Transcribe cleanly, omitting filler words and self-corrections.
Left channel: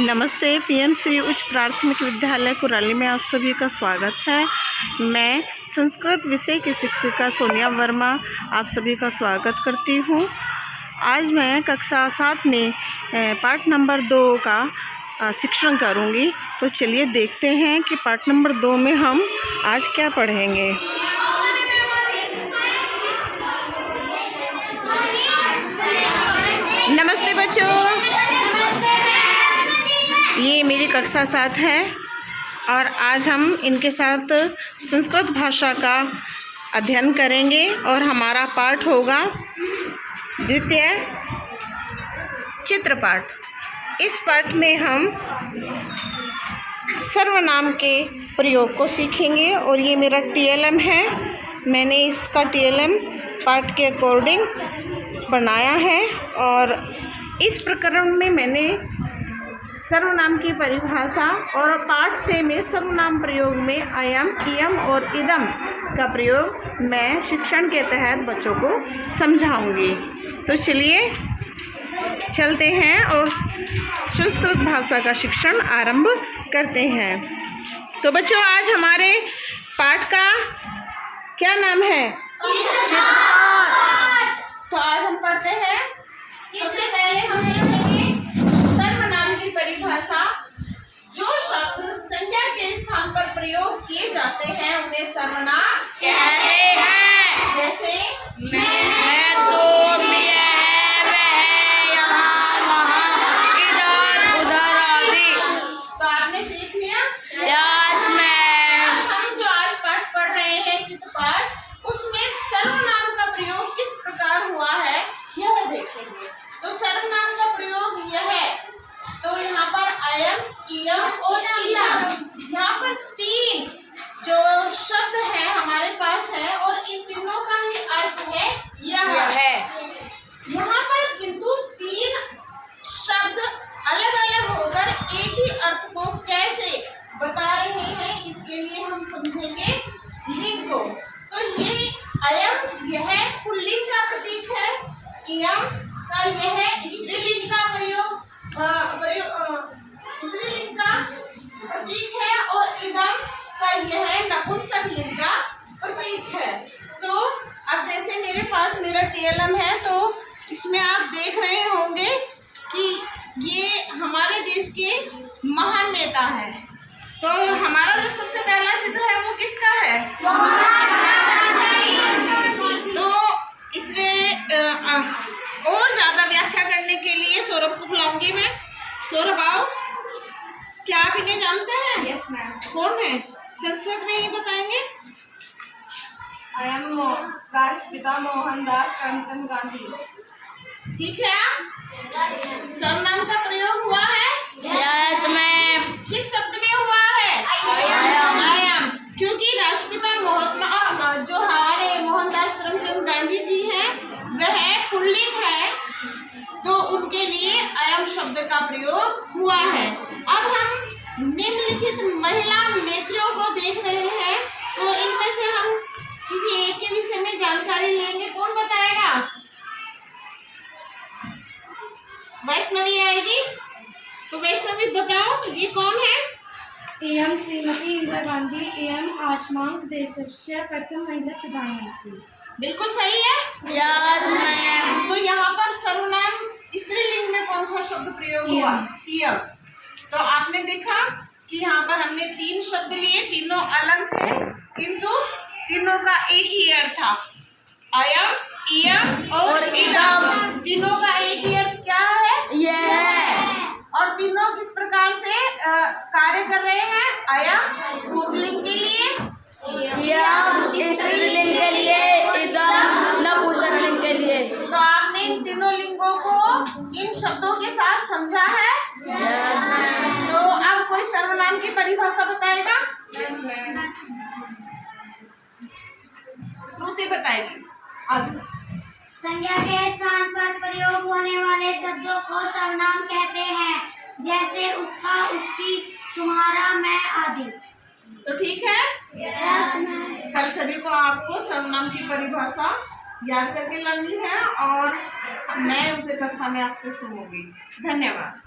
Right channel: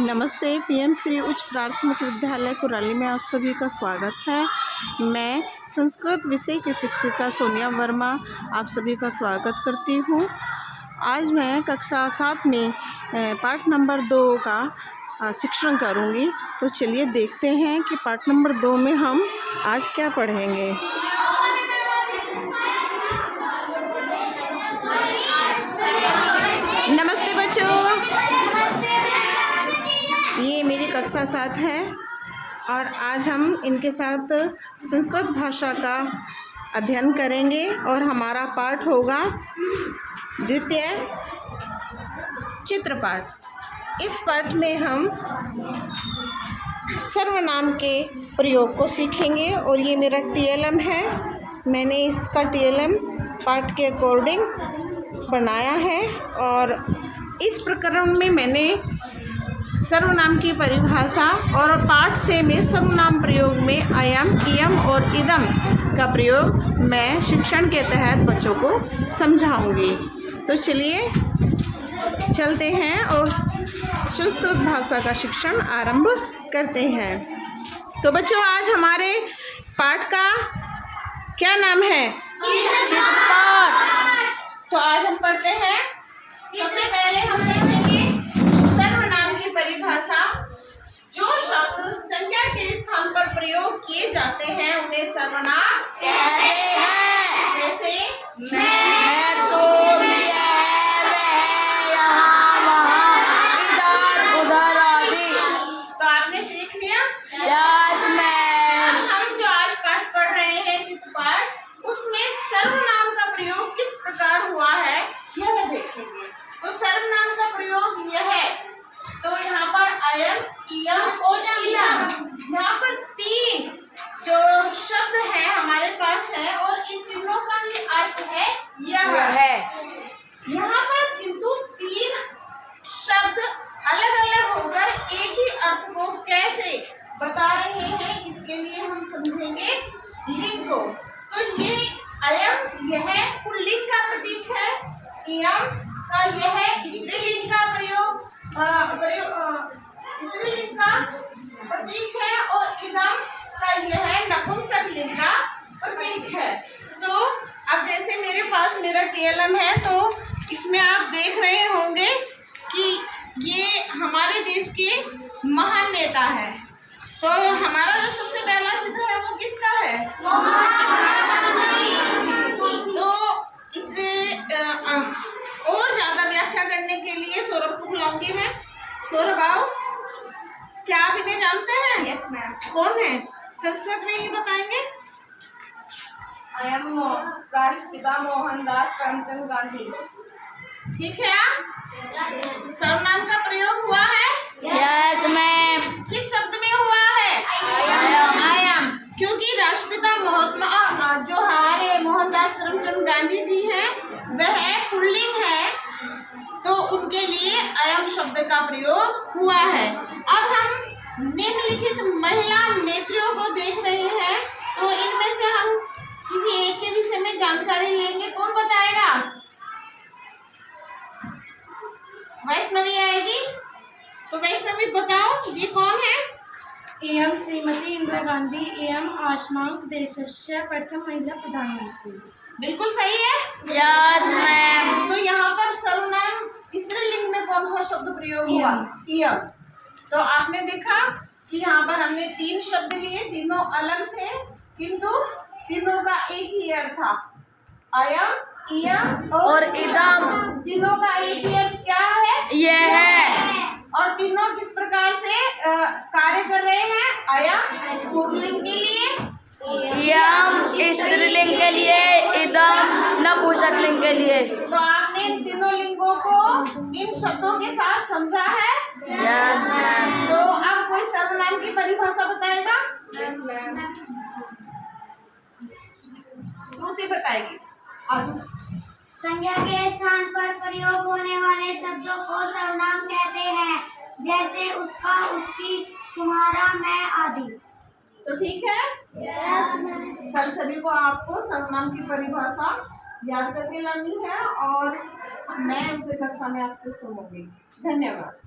नमस्ते। पीएम श्री उच्च प्राथमिक विद्यालय कुराली में आप सभी का स्वागत है। मैं संस्कृत विषय की शिक्षिका सोनिया वर्मा आप सभी का स्वागत करती हूँ। आज मैं कक्षा 7 में पाठ नंबर 2 का शिक्षण करूँगी। तो चलिए देखते हैं कि पाठ नंबर 2 में हम आज क्या पढ़ेंगे। नमस्ते बच्चों, ये मेरी कक्षा 7 है और आज हम इनके साथ संस्कृत भाषा का अध्ययन करेंगे और हमारा पाठ होगा द्वितीय चित्रपाठ। इस पाठ में हम सर्वनाम के प्रयोग को सीखेंगे और ये मेरा TLM है। मैंने इसका TLM पाठ के अकॉर्डिंग बनाया है और इस प्रकरण में मैंने सर्वनाम की परिभाषा और पाठ से में सर्वनाम प्रयोग में अयम, इयम और इदम का प्रयोग मैं शिक्षण के तहत बच्चों को समझाऊंगी। तो चलिए चलते हैं और संस्कृत भाषा का शिक्षण आरंभ करते हैं। तो बच्चों, आज हमारे पाठ का क्या नाम है? तो आज हम पढ़ते हैं। सबसे पहले हम देखेंगे सर्वनाम की परिभाषा। जो शब्द संज्ञा के स्थान पर प्रयोग किए जाते हैं उन्हें सर्वनाम कहते हैं। जैसे मैं, तुम, यह, वह, यहाँ, वहाँ, इधर, उधर आदि। तो आपने सीख लिया? Yes ma'am. हम जो आज पाठ पढ़ रहे हैं चित्रपाठ, उसमें सर्वनाम का प्रयोग किस प्रकार हुआ है यह देखेंगे। तो सर्वनाम का प्रयोग यह है। तो यहाँ पर अयम, इयम और इदम, यहाँ पर 3 जो शब्द है हमारे पास है और इन तीनों का ही अर्थ है यह है। यहाँ पर किंतु 3 शब्द अलग अलग होकर एक ही अर्थ को कैसे बता रहे हैं, इसके लिए हम समझेंगे लिंग को। तो ये अयम यह पुल्लिंग का प्रतीक है, इयम का यह स्त्रीलिंग का स्त्रीलिंग का प्रतीक है और इदम का यह नपुंसक लिंग का प्रतीक है। तो अब जैसे मेरे पास मेरा TLM है, तो इसमें आप देख रहे होंगे कि ये हमारे देश के महान नेता है। तो हमारा जो सबसे पहला चित्र है वो किसका है? तो इसलिए और ज़्यादा व्याख्या करने के लिए सौरभ को बुलाऊंगी मैं। सौरभ आओ। क्या आप इन्हें जानते हैं? Yes ma'am. कौन है? संस्कृत में ही बताएंगे। अयम राष्ट्रपिता मोहनदास करमचंद गांधी। ठीक है। आप सर्वनाम का प्रयोग हुआ है? Yes ma'am. किस शब्द में हुआ है? अयम। क्योंकि राष्ट्रपिता महात्मा जो हमारे मोहनदास करमचंद गांधी जी हैं वह पुल्लिंग है, तो उनके लिए अयम शब्द का प्रयोग हुआ है। अब हम निम्नलिखित महिला नेत्रियों को देख रहे हैं, तो इनमें से हम किसी एक के विषय में जानकारी लेंगे। कौन बताएगा? वैष्णवी आएगी। तो वैष्णवी बताओ, ये कौन है? इयं श्रीमती इंदिरा गांधी इयं अस्माकं देशस्य प्रथम महिला प्रधानमंत्री। बिल्कुल सही है। Yes ma'am. तो यहाँ पर सर्वनाम स्त्रीलिंग में कौन सा शब्द प्रयोग हुआ? इयम। तो आपने देखा कि यहाँ पर हमने 3 शब्द लिए, तीनों अलग थे किंतु तीनों का एक ही अर्थ था, अयम, इयम और इदम। तीनों का एक ही अर्थ क्या है? यह है। और तीनों किस प्रकार से कार्य कर रहे हैं? अयम पुल्लिंग के लिए, इयम स्त्रीलिंग के लिए, इदम नपुंसक लिंग के लिए। तो आपने इन तीनों लिंगों को इन शब्दों के साथ समझा है? Yes ma'am. तो अब कोई सर्वनाम की परिभाषा बताएगा? श्रुति बताएगी। संज्ञा के स्थान पर प्रयोग होने वाले शब्दों को सर्वनाम कहते हैं, जैसे उसका, उसकी, तुम्हारा, मैं आदि। तो ठीक है। कल सभी को आपको सर्वनाम की परिभाषा याद करके लानी है और मैं उसे कक्षा में आपसे सुनूंगी। धन्यवाद।